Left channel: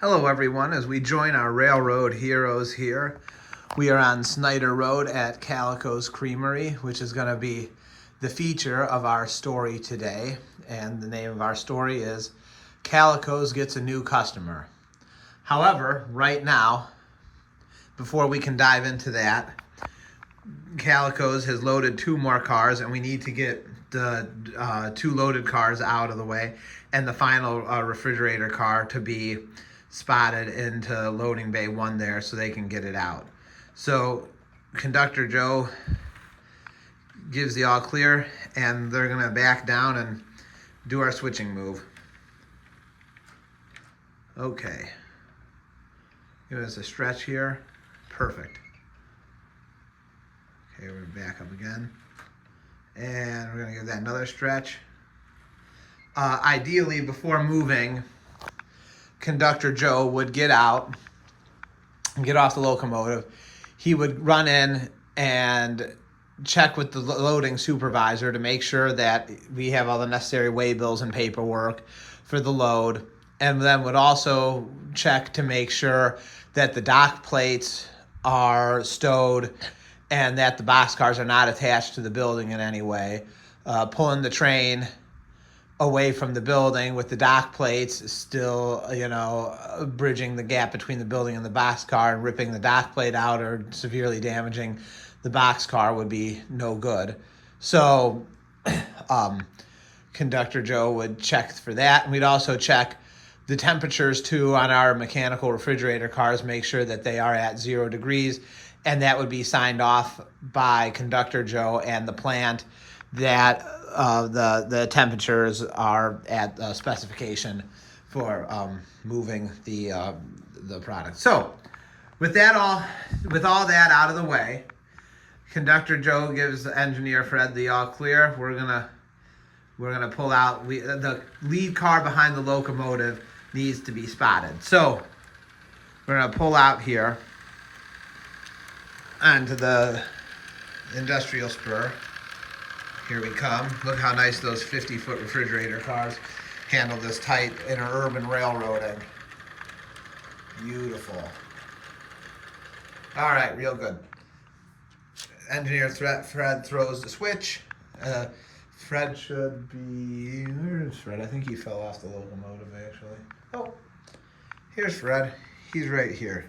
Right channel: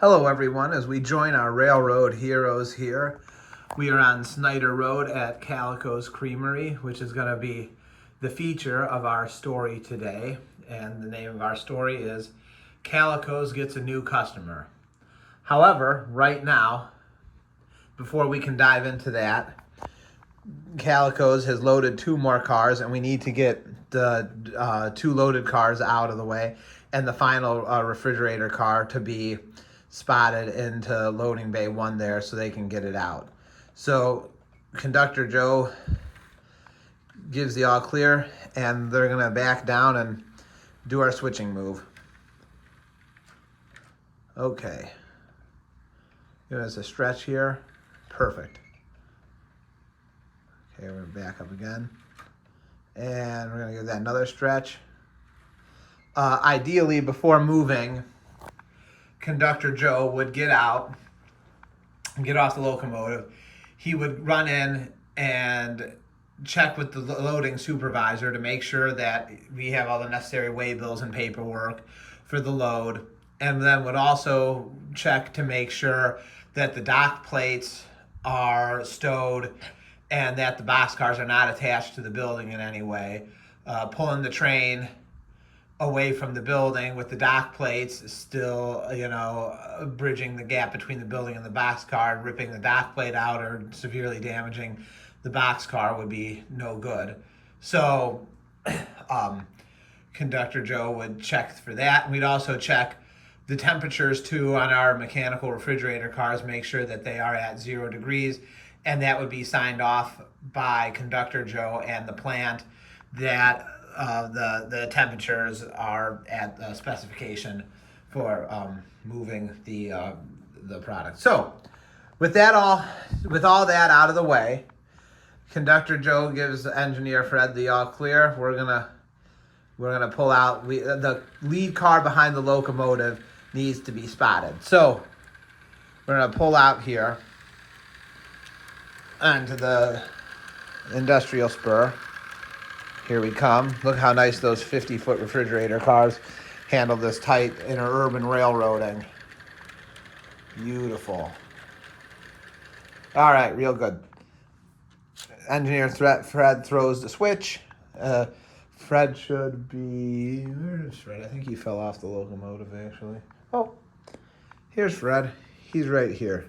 Hello everyone, as we join our railroad heroes here, we are on Snyder Road at Calico's Creamery, which is going to be the feature of our story today. And the name of our story is Calico's Gets a New Customer. However, right now, before we can dive into that, Calico's has loaded 2 more cars, and we need to get the 2 loaded cars out of the way and the final refrigerator car to be spotted into loading bay 1 there so they can get it out. So Conductor Joe gives the all clear, and they're gonna back down and do our switching move. Okay, give us a stretch here. Perfect. Okay, we're gonna back up again, and we're gonna give that another stretch. Ideally, before moving, Conductor Joe would get out and get off the locomotive. He would run in and check with the loading supervisor to make sure that we have all the necessary weigh bills and paperwork for the load, and then would also check to make sure that the dock plates are stowed and that the boxcars are not attached to the building in any way. Pulling the train away from the building with the dock plates still, bridging the gap between the building and the boxcar, and ripping the dock plate out or severely damaging the boxcar would be no good. So Conductor Joe would check for that. And we'd also check the temperatures too on our mechanical refrigerator cars, make sure that they are at 0 degrees, and that would be signed off by Conductor Joe and the plant that the temperatures are at specification for moving the product. So with all that out of the way, Conductor Joe gives Engineer Fred the all clear. We're gonna pull out. The lead car behind the locomotive needs to be spotted. So we're gonna pull out here onto the industrial spur. Here we come. Look how nice those 50-foot refrigerator cars handle this tight interurban railroading. Beautiful. All right, real good. Engineer Fred throws the switch. Fred should be... Where's Fred? I think he fell off the locomotive, actually. Oh, here's Fred. He's right here.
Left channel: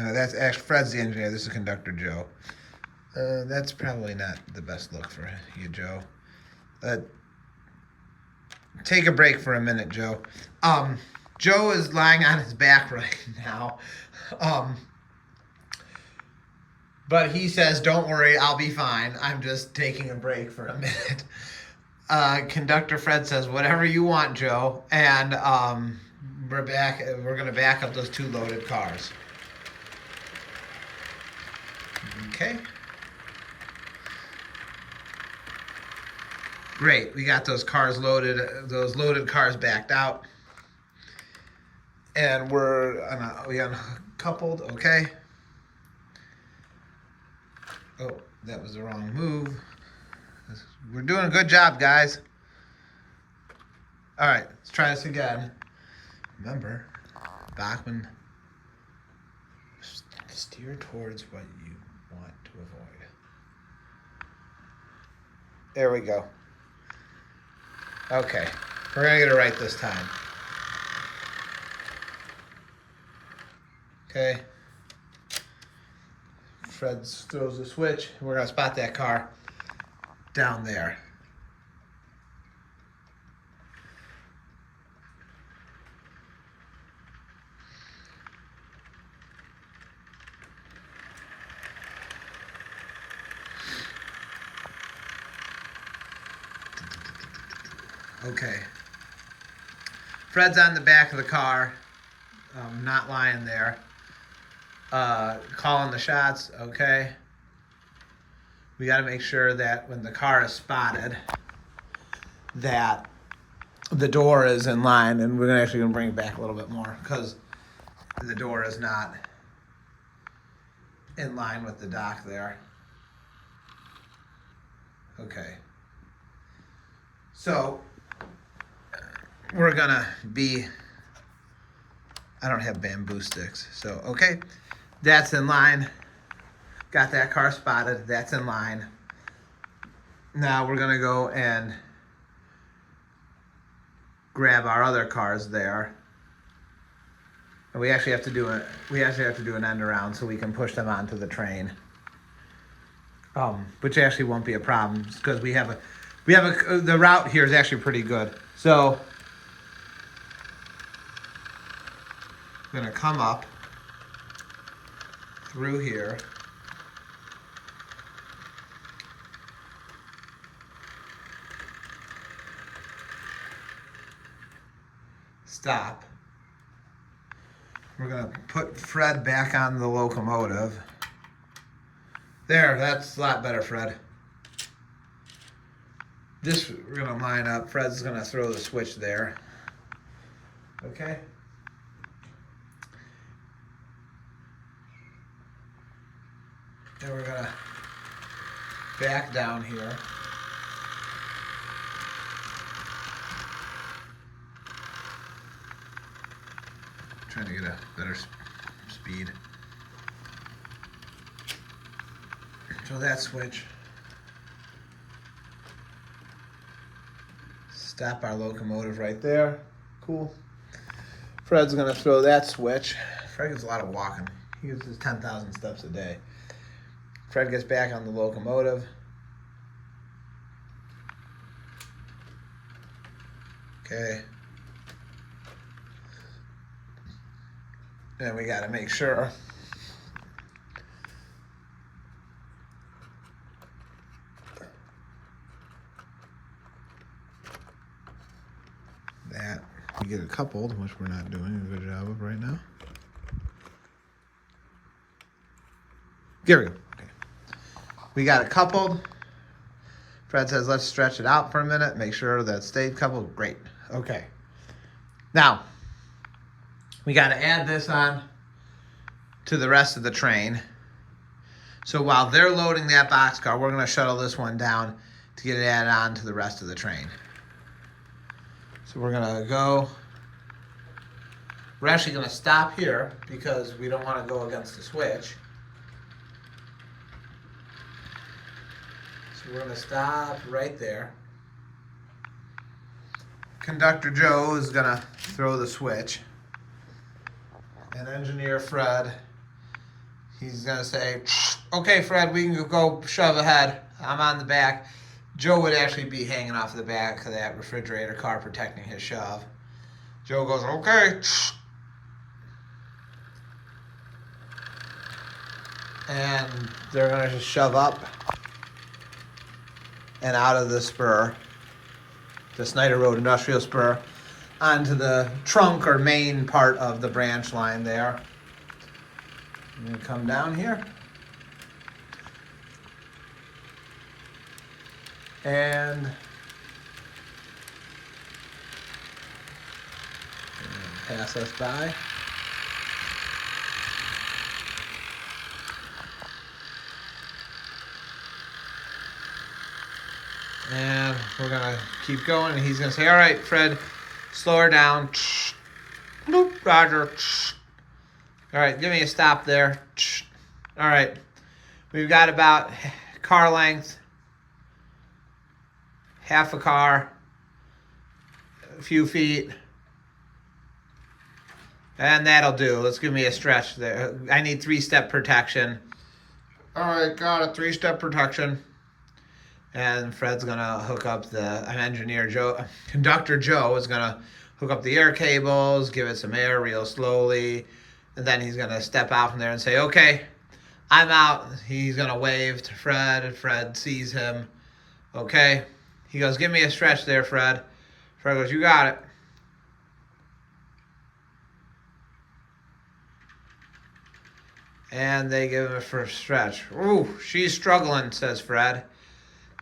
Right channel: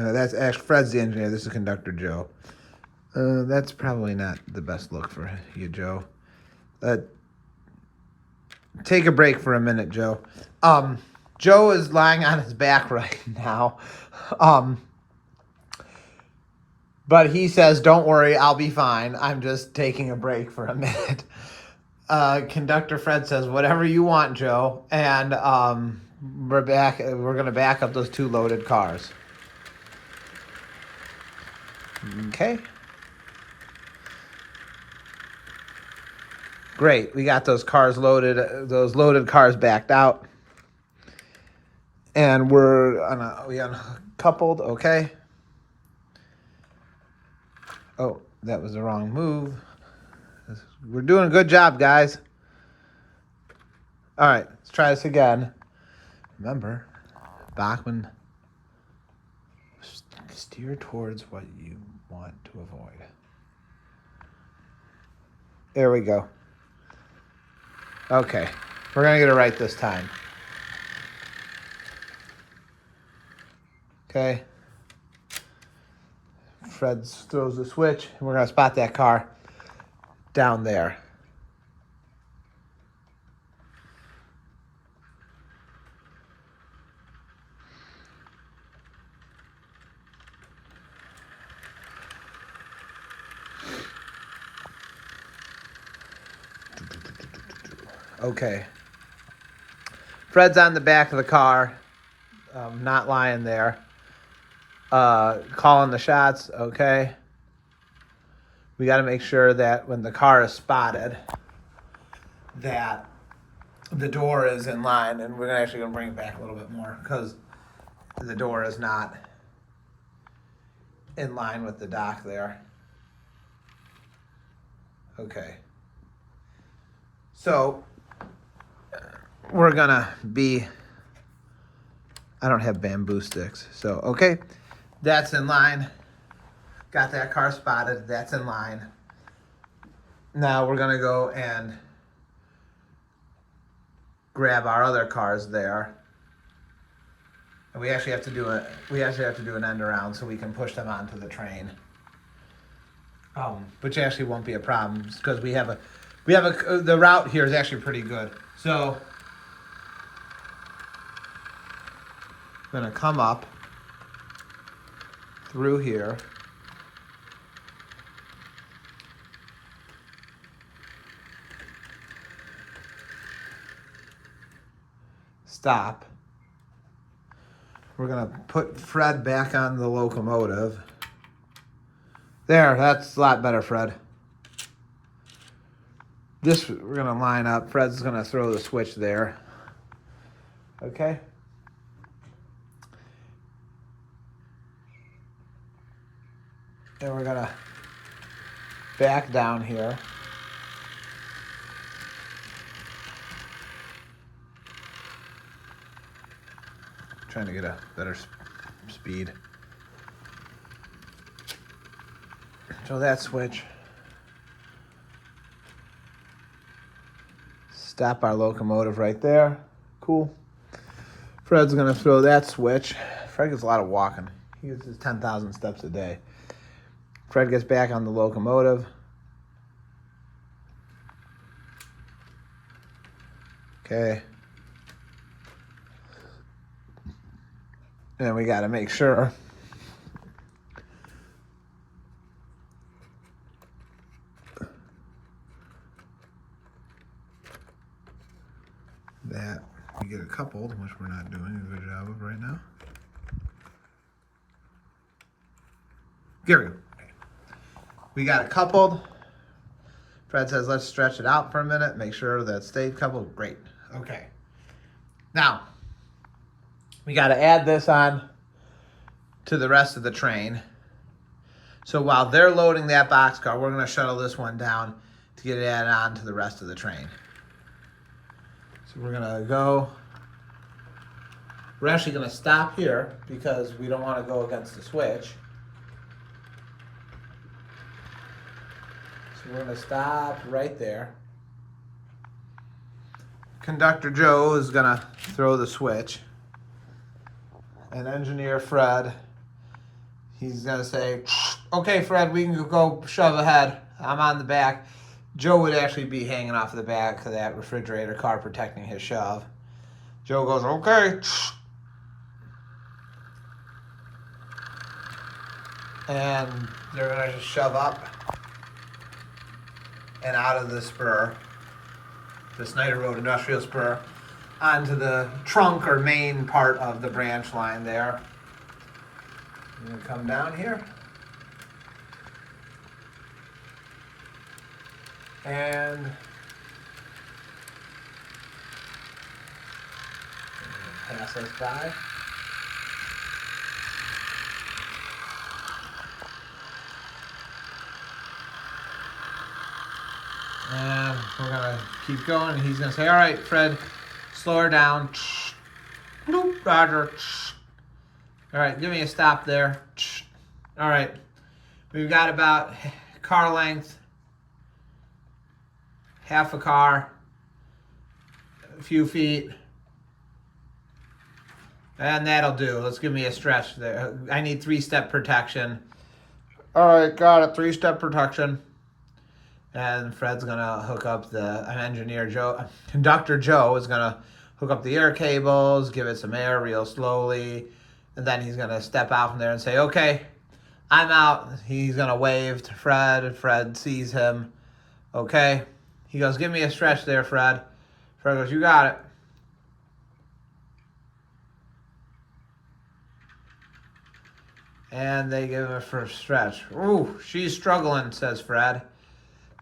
That's actually Fred's the engineer. This is Conductor Joe. That's probably not the best look for you, Joe. Take a break for a minute, Joe. Joe is lying on his back right now. But he says, "Don't worry, I'll be fine. I'm just taking a break for a minute." Conductor Fred says, "Whatever you want, Joe." And we're back. We're gonna back up those 2 loaded cars. Okay. Great. We got those cars loaded, those loaded cars backed out. And we uncoupled, okay. Oh, that was the wrong move. We're doing a good job, guys. All right, let's try this again. Remember, Bachman, steer towards what you want to avoid. There we go. Okay, we're gonna get it right this time. Okay. Fred throws the switch. We're gonna spot that car down there. Okay. Fred's on the back of the car, not lying there. Calling the shots, okay. We got to make sure that when the car is spotted, that the door is in line, and we're actually going to bring it back a little bit more because the door is not in line with the dock there. Okay. So we're gonna be, I don't have bamboo sticks. So, okay, that's in line. Got that car spotted, that's in line. Now we're gonna go and grab our other cars there. And we actually have to do an end around so we can push them onto the train. Which actually won't be a problem because the route here is actually pretty good. So I'm gonna come up through here. Stop. We're gonna put Fred back on the locomotive. There, that's a lot better, Fred. This, we're gonna line up. Fred's gonna throw the switch there. Okay? Then we're gonna back down here. Trying to get a better speed. So that switch. Stop our locomotive right there. Cool. Fred's gonna throw that switch. Fred gets a lot of walking. He gets his 10,000 steps a day. Fred gets back on the locomotive. Okay. And we got to make sure that we get it coupled, which we're not doing a good job of right now. Here we go. Okay. We got it coupled. Fred says, let's stretch it out for a minute, make sure that it stayed coupled. Great. Okay. Now, we got to add this on to the rest of the train. So while they're loading that boxcar, we're going to shuttle this one down to get it added on to the rest of the train. So we're going to go. We're actually going to stop here because we don't want to go against the switch. So we're going to stop right there. Conductor Joe is going to throw the switch. And engineer Fred, he's gonna say, okay, Fred, we can go shove ahead. I'm on the back. Joe would actually be hanging off the back of that refrigerator car protecting his shove. Joe goes, okay. And they're gonna just shove up and out of the spur, the Snyder Road Industrial Spur, onto the trunk or main part of the branch line there. I'm going to come down here. And pass us by. And we're going to keep going. And he's going to say, all right, Fred, slow her down. Roger. All right, give me a stop there. All right. We've got about car length, half a car, a few feet. And that'll do. Let's give me a stretch there. I need 3-step protection. All right, got a 3-step protection. And Fred's gonna hook up Conductor Joe is gonna hook up the air cables, give it some air real slowly, and then he's gonna step out from there and say, okay, I'm out. He's gonna wave to Fred, and Fred sees him. Okay. He goes, give me a stretch there, Fred. Fred goes, you got it. And they give him a first stretch. Ooh, she's struggling, says Fred.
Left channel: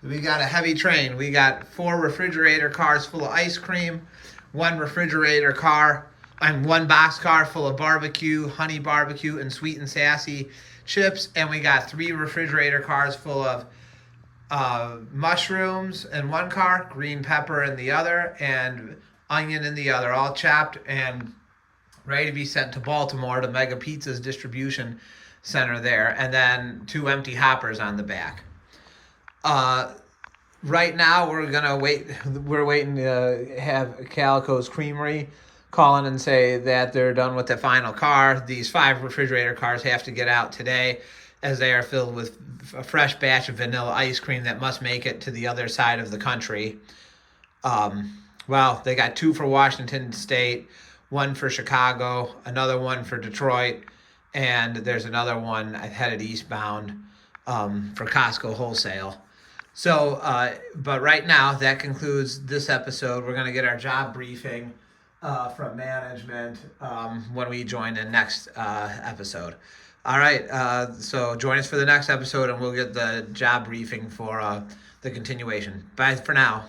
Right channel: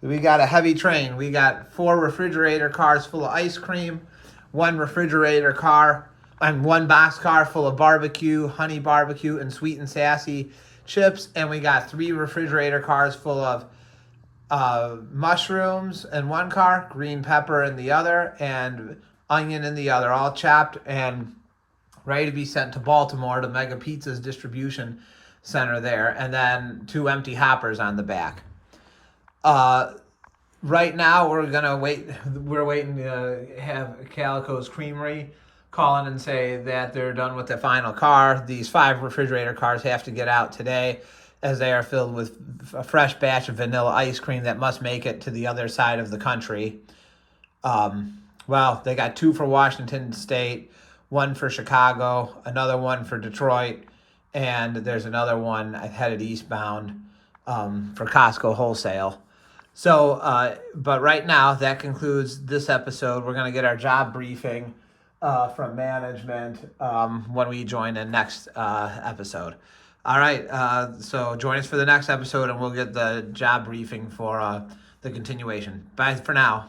We got a heavy train. We got 4 refrigerator cars full of ice cream, 1 refrigerator car, and 1 boxcar full of barbecue, honey barbecue, and sweet and sassy chips. And we got 3 refrigerator cars full of mushrooms in one car, green pepper in the other, and onion in the other, all chopped and ready to be sent to Baltimore to Mega Pizza's distribution center there, and then 2 empty hoppers on the back. Right now, we're waiting to have Calico's Creamery call in and say that they're done with the final car. These 5 refrigerator cars have to get out today, as they are filled with a fresh batch of vanilla ice cream that must make it to the other side of the country. Well, they got 2 for Washington State, 1 for Chicago, another one for Detroit, and there's another one headed eastbound for Costco Wholesale. So, but right now, that concludes this episode. We're going to get our job briefing from management when we join the next episode. All right, so join us for the next episode, and we'll get the job briefing for the continuation. Bye for now.